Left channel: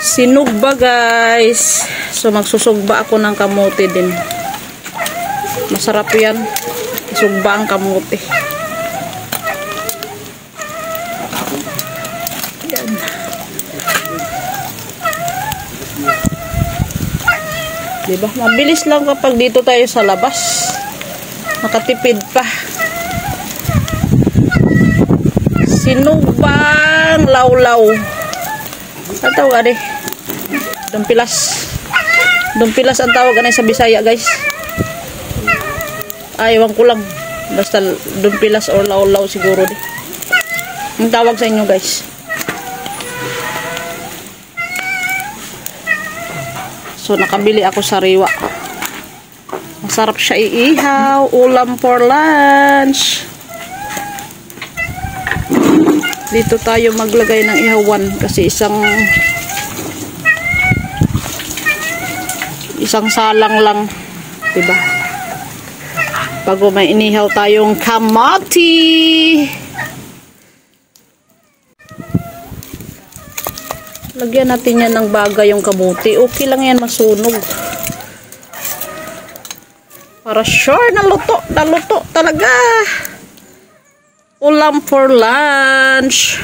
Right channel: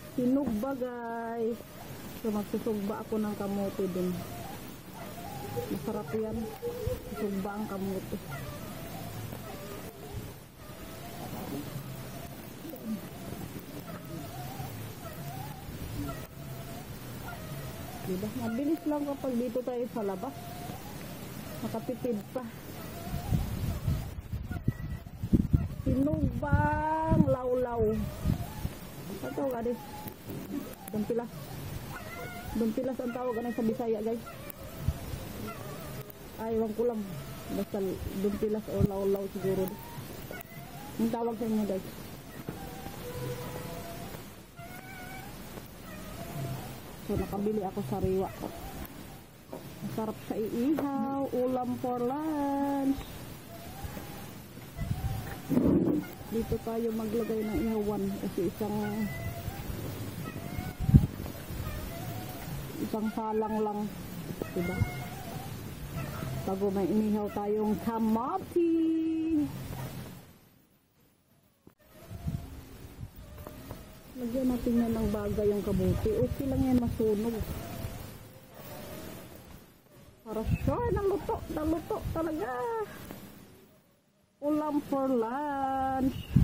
Sinugba guys. So magsusugba ako ng kamote din. Masarap yan. Isugba ang kamote. Yan. Diba? Mabilis lang kapag dito tayo sa labas. Nakatipid pa. Sinugbang lawlaw. Ang tawag ani? Dumpilas. Dumpilas ang tawag ani sa Bisaya, guys. Ewan ko lang. Basta dumpilas or lawlaw siguro di. Ang tawag sa inyo, guys. So nakabili ako sa Riwa. Masarap siya iihaw, ulam for lunch. Dito tayo maglagay ng ihawan kasi isang salang lang, 'di ba? Bago may inihaw tayong kamote. Lagyan natin yan ng baga yung kamote. Okay lang yan masunog. Para sure na luto talaga. Ulam for lunch.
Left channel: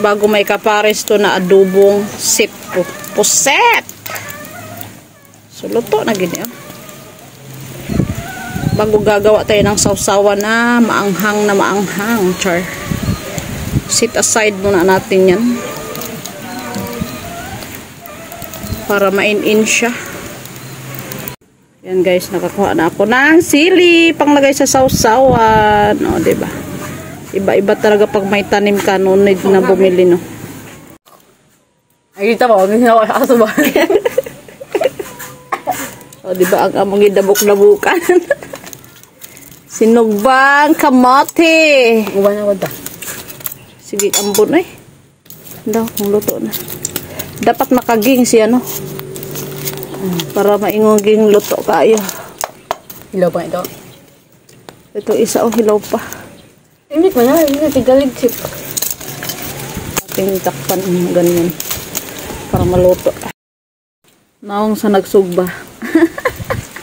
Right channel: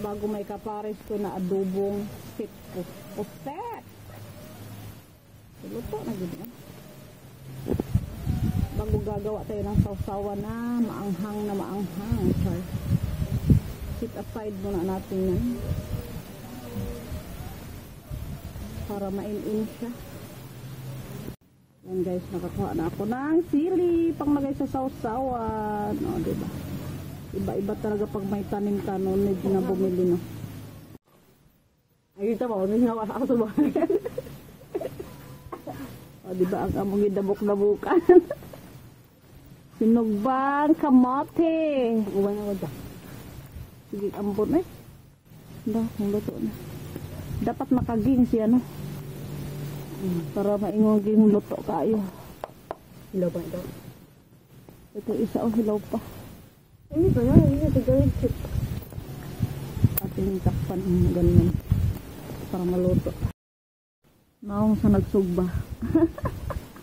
Bago may kapares to na adobong puset. So luto na gini. Bago gagawa tayo ng sausawan na maanghang. Char. Sit aside muna natin yan. Para main-in siya. Yan guys, nakakuha na ako ng sili panglagay sa sausawan. O, diba? Iba-iba talaga pag may tanim ka, no need na bumili, no. Ay, kita mo, hindi na ako nakasuban. O, diba? Ang among idabok-dabukan. Sinugbang kamote. Guban ako da. Sige, ambon eh. Daw, kung luto na. Dapat makaging siya, no? Para maingoging luto kayo. Hilaw pa ito. Ito isa hilaw pa. Hindi pa na, hindi tigalig-sip. Ating takpan ganyan. Para maluto. Naong sa nagsugba.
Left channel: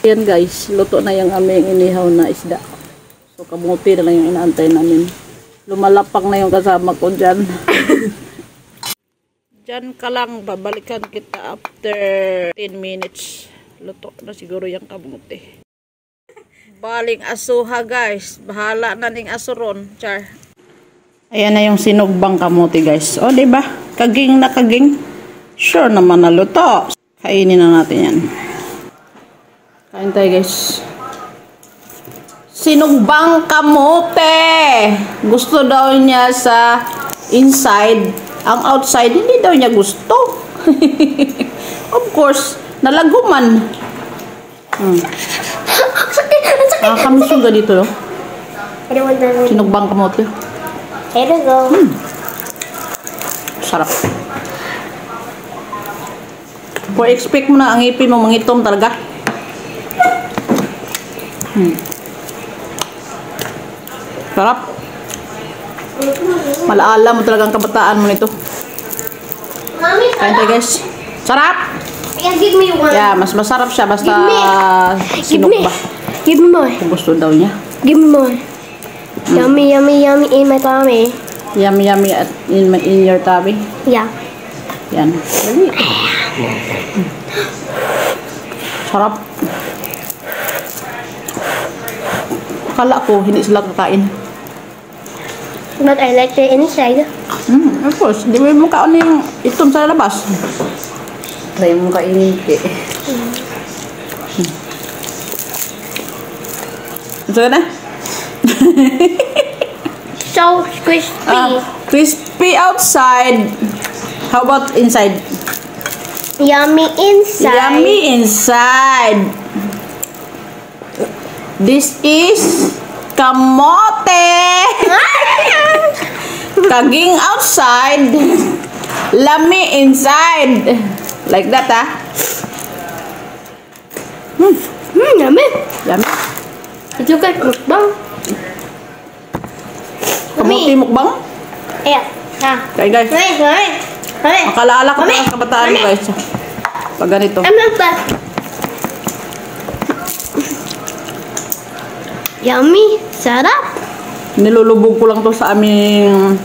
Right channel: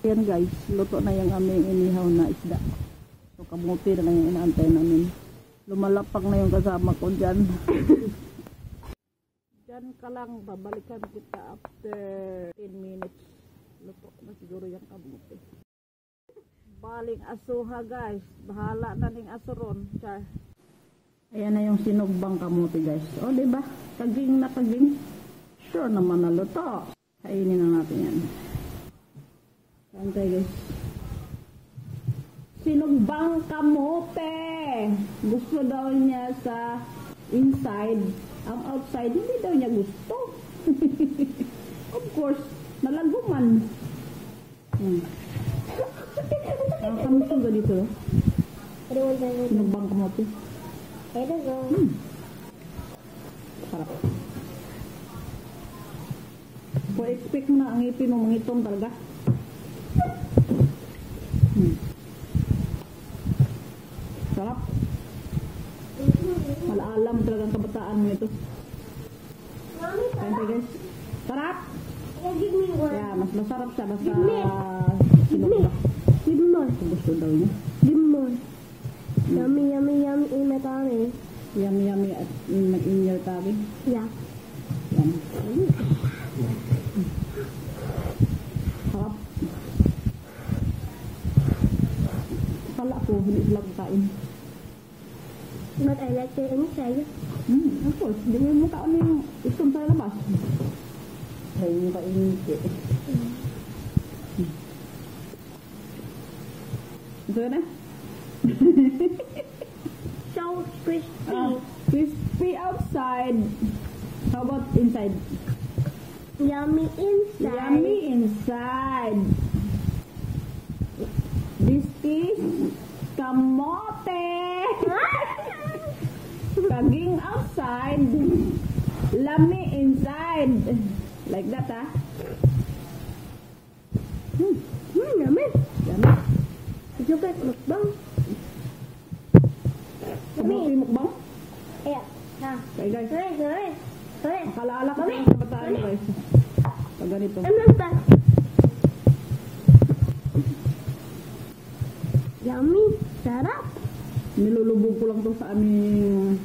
Yan guys, luto na yung aming inihaw na isda. So kamuti na lang yung inaantay namin. Lumalapang na yung kasama ko dyan. Dyan ka lang, babalikan kita after 10 minutes. Luto na siguro yung kamuti. Baling asuha guys. Bahala na ning asuron. Char. Ayan na yung sinugbang kamuti guys. O diba? Kaging na kaging. Sure naman na luto. Kainin na natin yan. Kain tayo guys. Sinugbang kamote. Gusto daw niya sa inside. Ang outside, hindi daw niya gusto. Of course, nalaguman. Nakakamiss yung ganito, no? Sinugbang kamote. Here we go. Sarap. For expect mo na ang ipin mo mangitom talaga. Sarap. Malaala mo talagang kabataan mo nito. Mommy, Kain tayo guys. Sarap! give me one. Yeah, mas masarap siya basta Give me. sinugba. Give me more. Kung gusto daw niya. Give me more. Yummy, yummy, yummy in my tummy. Yummy yummy at in your tummy. Yeah. Yan. Sarap. Akala ko hindi sila kakain. But I like the inside. Of course. Di mo kaon yung itom sa labas. Try mo kainin. Ito na? So crispy. Crispy outside. How about inside? Yummy inside. Yummy inside. This is kamote. Kaging outside. Lami inside. Like that, ah. Yummy. Yummy. Ito ka mukbang. Kamote mukbang? Yeah. Ha? Okay guys. Mami. Makalala ko Mami. pa ang kabataan mo guys. Pag ganito. Ano ba? Yummy. Sarap. Nilulubog ko lang to sa aming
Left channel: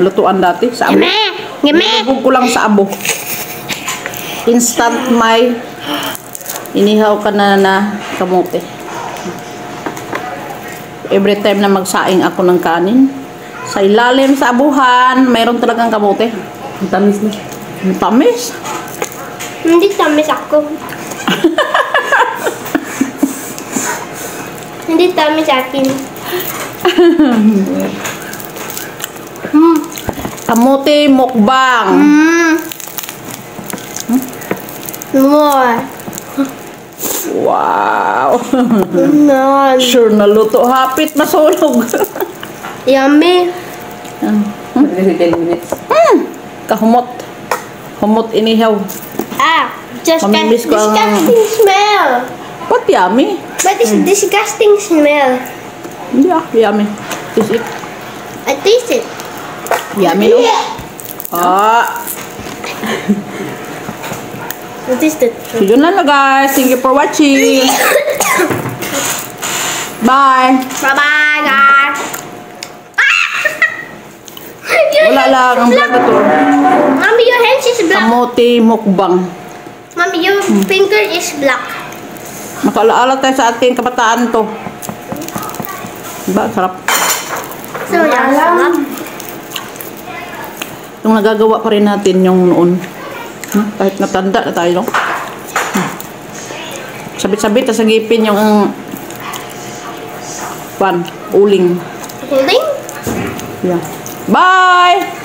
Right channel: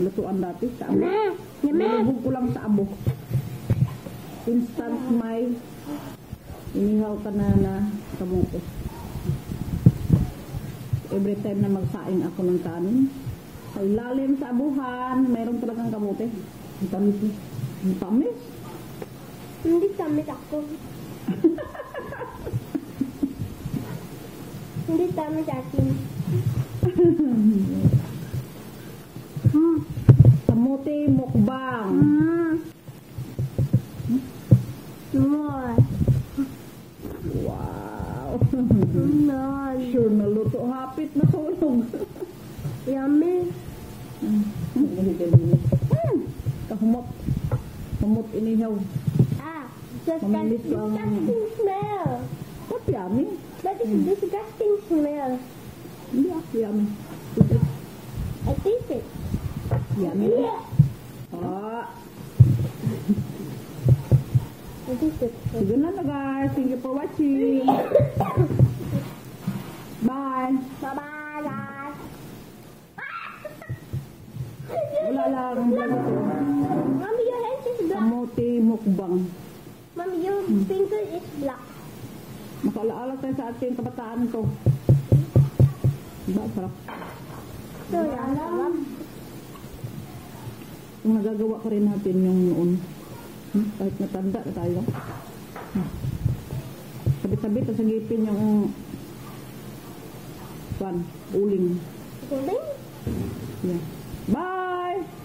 lutuan dati. Sa abo. Nilulubog ko lang sa abo. Instant may inihaw ka na kamote. Every time na magsaing ako ng kanin, sa ilalim sa abuhan, mayroon talagang kamote. Ang tamis na. Ang tamis. Hindi tamis ako. Hindi tamis akin. Kamote mukbang. More. Wow. Nan. Sure na luto. Hapit masunog. Yummy. Magdali 10 minutes. Kahumot. Humot inihaw. Ah, just Mamimiss ko ang- disgusting smell. What yummy? What is disgusting smell? Yeah, yummy. Is it I taste it. yummy no? Ah. I taste it. So yun lang na guys. Thank you for watching. Bye. Bye-bye, guys. Wala lang ang vlog na to. Mommy, your hands is black. Kamote mukbang. Mommy, your finger is black. Makaalaala tayo sa ating kabataan to. Diba? Sarap. So, yeah. Yung nagagawa pa rin natin yung noon. Kahit natanda na tayo, no? Sabit-sabit sa ngipin yung uling. Holding? Yeah. Bye!